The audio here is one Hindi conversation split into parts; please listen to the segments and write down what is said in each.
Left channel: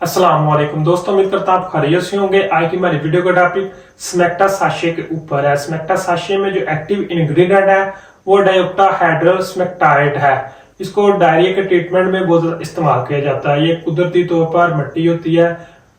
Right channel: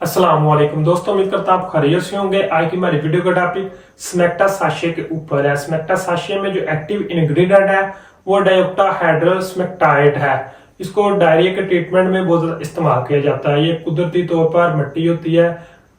अस्सलाम वालेकुम दोस्तों, उम्मीद करता आप खैरियत से होंगे। आज की हमारी वीडियो का टॉपिक स्मेक्टा साशे के ऊपर है। स्मेक्टा साशे में जो एक्टिव इंग्रेडिएंट है वो डायोक्टाहेड्रल स्मेक्टाइड है। इसको डायरिया के ट्रीटमेंट में बहुत ज्यादा इस्तेमाल किया जाता है। ये कुदरती तौर पर मिट्टी होती है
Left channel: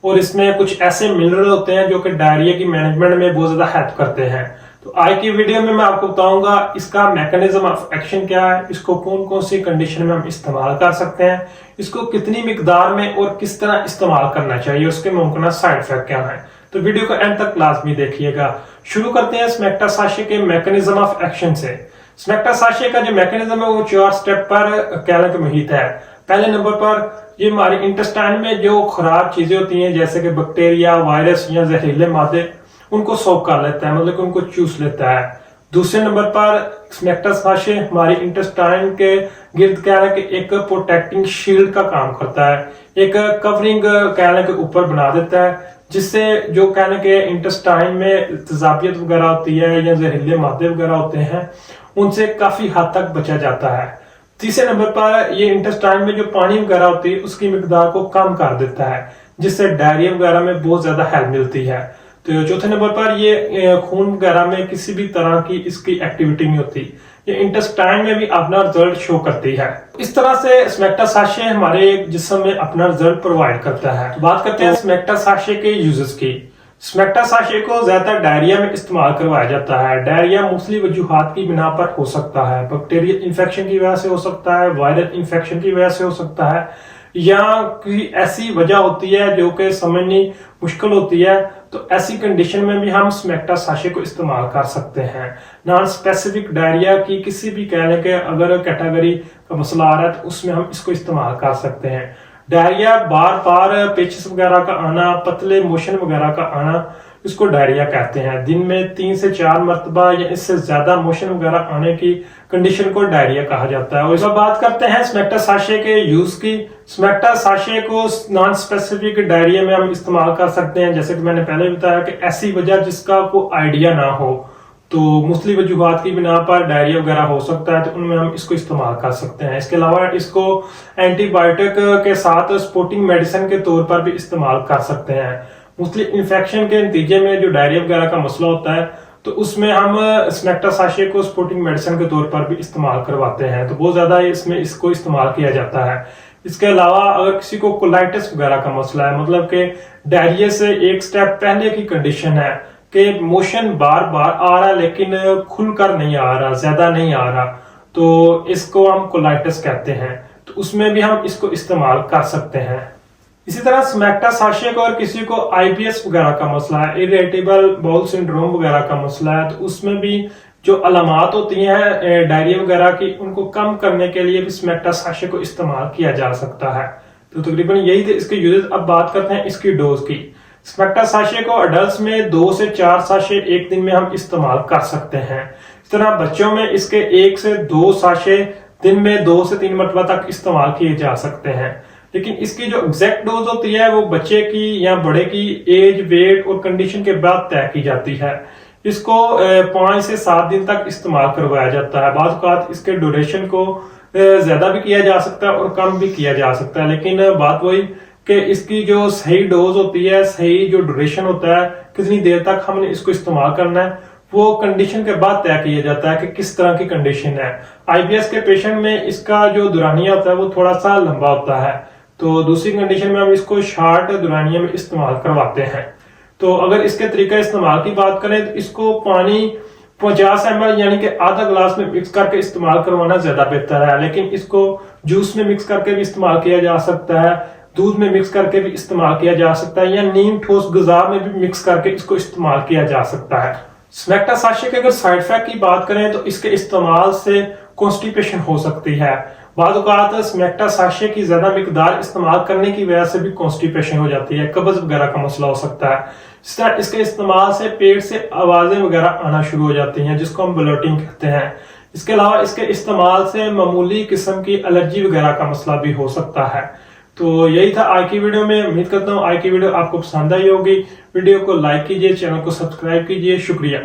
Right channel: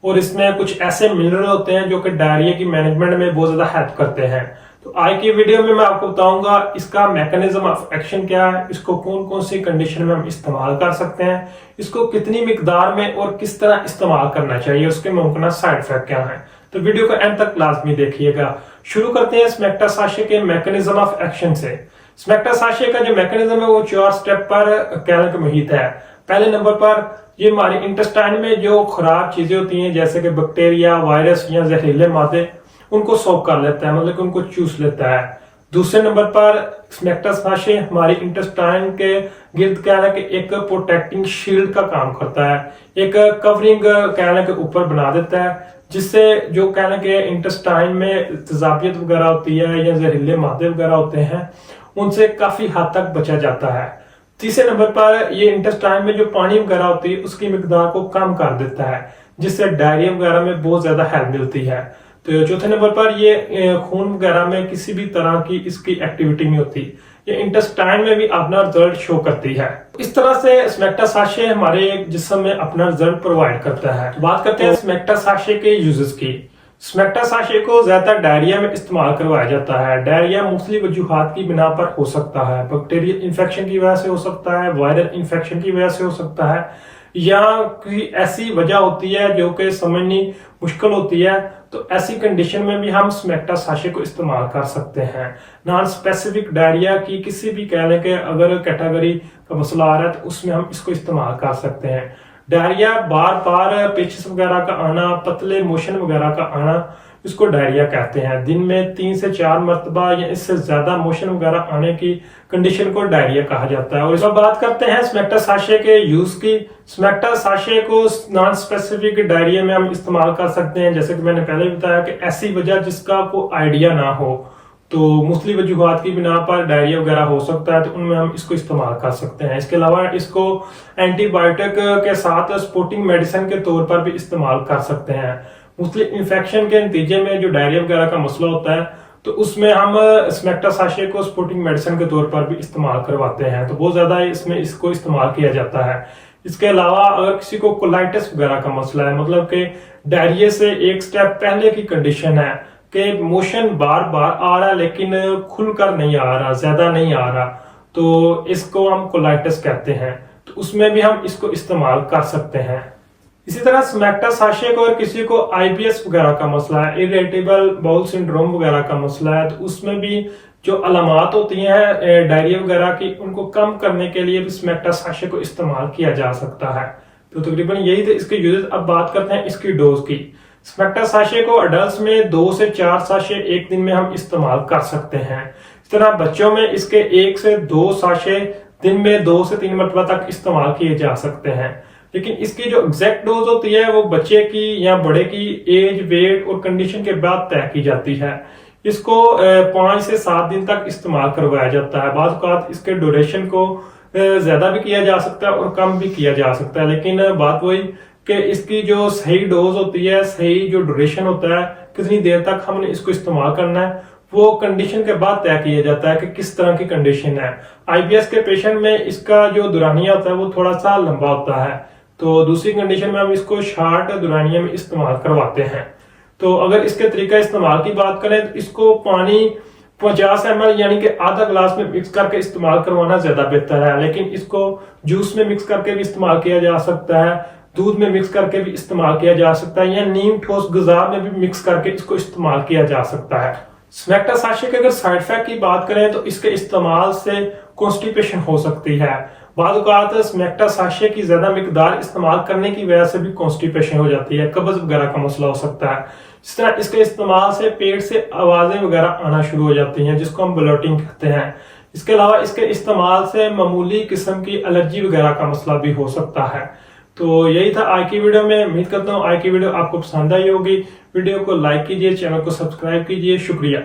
और इसमें कुछ ऐसे मिनरल होते हैं जो कि डायरिया की मैनेजमेंट में बहुत ज्यादा हेल्प करते हैं। तो आज की वीडियो में मैं आपको बताऊंगा इसका मैकेनिज्म ऑफ एक्शन क्या है, इसको कौन कौन सी कंडीशन में हम इस्तेमाल कर सकते हैं, इसको कितनी मिकदार में और किस तरह इस्तेमाल करना चाहिए, उसके मुमकिन साइड इफेक्ट क्या है। तो वीडियो को एंड तक लाजमी देखिएगा। शुरू करते हैं स्मेक्टा साशे के मैकेनिज्म ऑफ एक्शन से। स्मेक्टा साशे का जो मैकेनिज्म है वो 4 स्टेप पर कहने के मुहित है। पहले नंबर पर ये हमारे इंटेस्टाइन में जो खराब चीजें होती हैं जैसे कि बैक्टीरिया, वायरस या जहरीले मादे, उनको सोक कर लेता है, मतलब कि उनको चूस लेता है। दूसरे नंबर पर स्मेक्टा साशे हमारी इंटेस्टाइन के गिर्द कहने के एक प्रोटेक्टिंग शील्ड का काम करता है, एक कवरिंग कहने के ऊपर बना देता है, जिससे जो कहने के इंटेस्टाइन में तेजाबियत वगैरह होती है या जहरीले मादे वगैरह होते हैं उनसे काफी हद तक बचा जाता है। तीसरे नंबर पर ये इंटेस्टाइन में जो पानी वगैरह होती है उसकी मिकदार को कम कर देता है, जिससे डायरिया वगैरह में बहुत ज्यादा हेल्प मिलती है। तो चौथे नंबर पर ये खून वगैरह में किसी भी तरह की इसकी एक्टिविटी नहीं होती, ये इंटेस्टाइन में भी अपना रिजल्ट शो करती है। इस तरह से स्मेक्टा साशे हमारे जिस्म में अपना रिजल्ट प्रोवाइड करता है। बात करते हैं स्मेक्टा साशे के यूजेस की। स्मेक्टा साशे को ज्यादातर डायरिया में इस्तेमाल करवाया जाता है। डायरिया मुख्तलिफ वजूहात की बिना पर हो सकता है। बैक्टीरियल इन्फेक्शन की वजह से हो सकता है, वायरल इन्फेक्शन की वजह से हो सकता है, या कोई ऐसी वजह होती है जो कि समझनी मुश्किल होती है। तो ऐसी कंडीशन में भी हम स्मेक्टा साशे को इस्तेमाल कर सकते हैं। नॉन स्पेसिफिक डायरिया की किसी भी कहने के अगर कैटेगरी का मसला आ रहा है तो उसमें हम इसको इस्तेमाल कर सकते हैं। डायरिया बार बार पेचिस वगैरह का आना, पतले मोशन वगैरह का आना, इसको डायरिया कहते हैं। दिन में 3 से 4 मरतबा या इससे ज्यादा मोशन वगैरह आने की कंडीशन को डायरिया कहा जाता है। और इस बात करते हैं स्मेक्टा साशे के यूज की। स्मेक्टा साशे को नॉन स्पेसिफिक डायरिया में हम इस्तेमाल कर सकते हैं, जैसे कि मैंने पहले बताया कि ऐसी वजह जिसका कोई आइडिया ना हो, तो मुख्तलिफ वजूहात की बिना पर डायरिया वगैरह हो सकता है, तो उनमें हम इसको इस्तेमाल कर सकते हैं। इसके अलावा इसको एंटीबायोटिक के साथ सपोर्टिंग मेडिसिन के तौर पर भी इस्तेमाल कर सकते हैं। मुख्तलिफ इन्फेक्शन के नतीजे में जो डायरिया वगैरह का मसला होता है तो उसमें हम स्मेक्टा साशे को सपोर्टिंग मेडिसिन के तौर पर भी इस्तेमाल करवाते हैं। तो बहुत ज्यादा इसमें इसको इस्तेमाल किया जाता है। इसके अलावा अगर किसी को कोलाइटिस वगैरह का मसला है, मतलब कि डायरिया से एक स्टेप पहले की कंडीशन है कि मोशन बार बार आ रहा लेकिन खुलकर नहीं आ रहा, ज्यादा नहीं आ रहा, तो इसको हम कोलाइटिस कहते हैं। तो उसमें भी हम इसको इस्तेमाल कर सकते हैं। इसी तरह स्मेक्टा साशे को और किसी को आईबीएस वगैरह का मसला है, इरिटेबल बाउल सिंड्रोम वगैरह का मसला है, तो उसमें भी जो अलामात होती हैं डायरिया वगैरह की, उनको कम करने के लिए भी स्मेक्टा साशे को इस्तेमाल किया जा सकता है। तो तकरीबन यही थे इसके यूजेस। अब बात करते हैं इसकी डोज की। स्मेक्टा साशे को अडल्ट में 2 से 4 साशे एक दिन में हम इस्तेमाल कर सकते हैं। इस तरह बच्चों में इसके 1 से 2 साशे दिन में 2 से 3 मरतबा तक इस्तेमाल किए जा सकते हैं। लेकिन इसकी जो एग्जैक्ट डोज होती है वो बच्चे की या बड़े की एज, वेट और कंडीशन के बाद तय की जाती है। इसको 5 से 7 दिन तक इस्तेमाल करवाया जाता है। बाद औक़ात इसके ड्यूरेशन को ज्यादा भी किया जा सकता है और कम भी किया जा सकता है, लेकिन बात वही कि इसकी जो सही डोज होती है, सही जो ड्यूरेशन होता है, कितनी देर तक हमने इसको इस्तेमाल करना है, वो कंडीशन के बाद तय किया जाता है कि किस तरह की कंडीशन है। आईबीएस के पेशेंट में इसका जो दुरानिया होता है वो थोड़ा सा लंबा होता है, तो दूसरी कंडीशन में हम इसको शार्ट दुरानिया में इस्तेमाल करवाते हैं। तो अगर इसके तरीका इस्तेमाल की बात करें तो इसको पानी 50 ml यानी कि आधा गिलास में मिक्स करके इस्तेमाल करवाना ज्यादा बेहतर है। लेकिन इसको जूस में मिक्स करके भी इस्तेमाल किया जा सकता है, दूध में मिक्स करके भी इस्तेमाल किया जा सकता है, या नीम ठोस गुज़ा में भी मिक्स करके इसको इस्तेमाल किया जा सकता है। स्मेक्टा साशे के अगर साइड इफेक्ट की बात करें तो इसके इस्तेमाल से कॉन्स्टिपेशन हो सकती है। बाद औक़ात स्मेक्टा साशे की ज्यादा मिकदार इस्तेमाल करने की वजह से भी कॉन्स्टिपेशन हो जाती है, कब्ज वगैरह का मसला हो सकता है। इस तरह इसके इस्तेमाल से पेट से आवाजें वगैरह आना शुरू हो जाती हैं, जिसको हम ब्लोटिंग कहते हैं। इसके अलावा इसके इस्तेमाल से मामूली किस्म की एलर्जी वगैरह का मसला भी हो सकता है। तो यही था आज की वीडियो में। उम्मीद करता हूँ आज की वीडियो आपको पसंद आई होगी। वीडियो को लाइक कीजिए, चैनल को सब्सक्राइब कीजिए। शुक्रिया।